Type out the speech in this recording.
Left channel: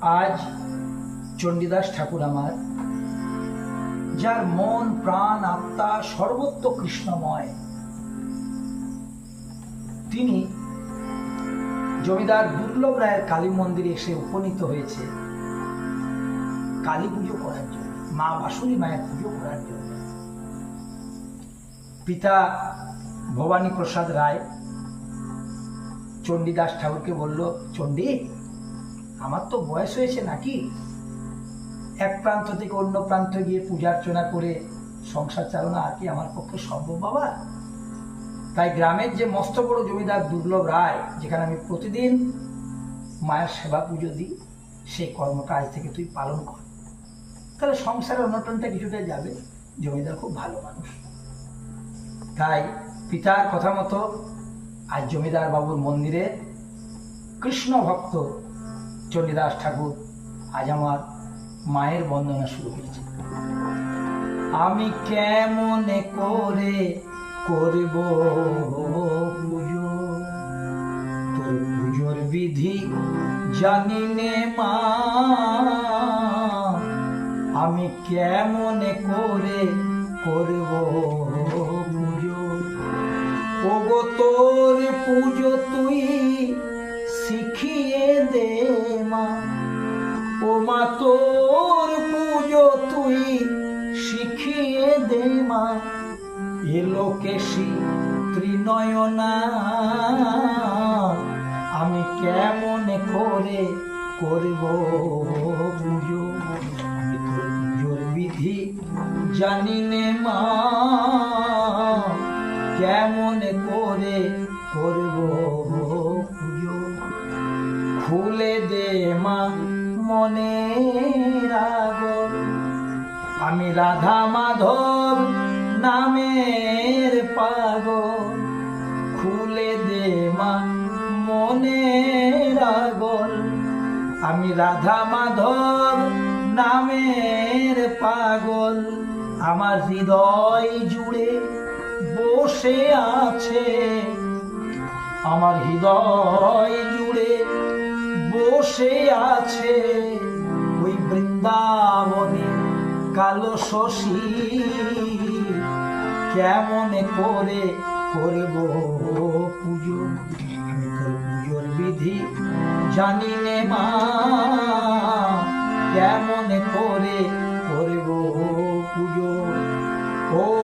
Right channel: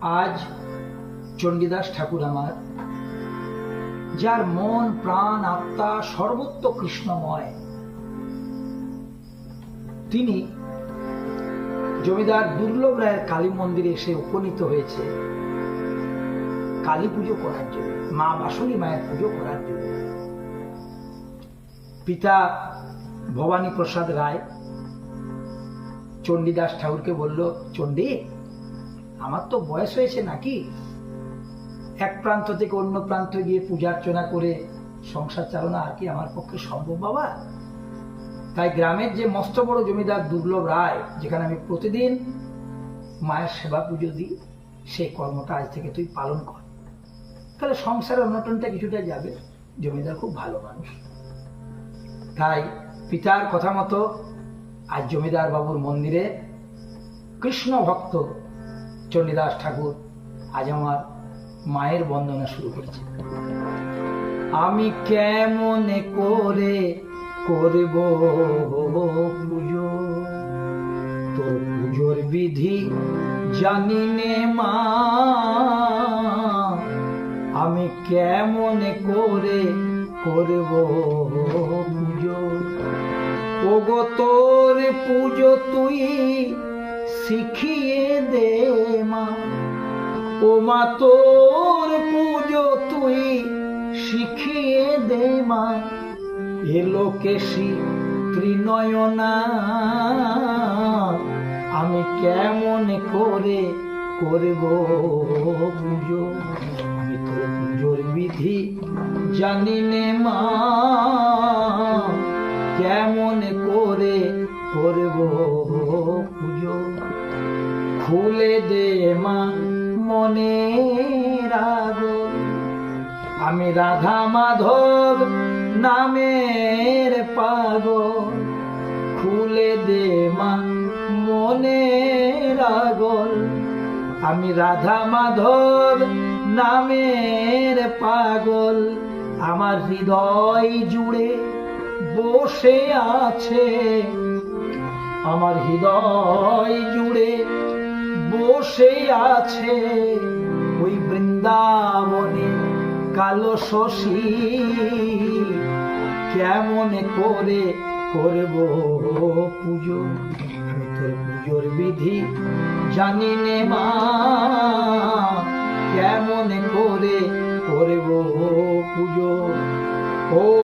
আজ চণ্ডীদাস ঠাকুর আমার, যার মন প্রাণ আত্মা সর্বত্র কৃষ্ণময়, তিনি জমিদার দুর্লভ রায়ের কালী মন্দিরে এসে উপনীত হয়েছে কালী পুজো করার জন্য, মা বাসুলী মায়ের পুজো করার জন্য। পিতা ভবানী প্রসাদ রায় চণ্ডীদাস ঠাকুরকে বলল, চণ্ডী, আমার তো বয়স হয়েছে নাকি, এক প্রান্ত থেকে অন্য প্রান্ত গিয়ে পূজার্চনা করে সংসার চালানো আর কি আমার পক্ষে সম্ভব বাবা? তাই গ্রামের যে মস্ত বড় জমিদার দুর্লভ রায়, যেখানে আমি প্রতিদিন মায়ের সেবা পুজো দিই, সেই কর্মটা আজ থেকে তুই পালন কর, তাহলে সংসারের অনটনটা কিছুটা যাবে। জমিদার খুব ভালো মানুষ। তাই পিতার কথা মতো আজ জমিদার বাবুর মন্দিরে কৃষ্ণ ভক্ত চণ্ডীদাস ঠাকুর আজ আমার মায়ের বন্দনা শুরু করেছে। আমি কেমন করে করব পুজো, তোর পুজোর বিধি জানি নে মা, আমি কেমন করে করব পুজো, ওগো তোর পুজো তুই শিখিয়ে দে মা, ও মা তোর পুজো তুই শিখিয়ে দে মা, এলো কেশি ত্রিনয়না, আমি কেমন করে করব পুজো, আমি তোর পুজোর বিধি জানি নে মা, কেমন করে করব পুজো, খুলে দে মা মনের আগল, আমি রাধা মাধব নামের পাগল, খুলে দে মা মনের আগল, আমি রাধা মাধব নামের পাগল, আমার হৃদয় জুড়ে বসে আছে, আমার হৃদয় জুড়ে বসে আছে ওই বৃন্দাবনে কালো শশী, কেমন করে করব পুজো, আমি তোর পুজোর বিধি জানি নে মা, কেমন করে করব পুজো। ও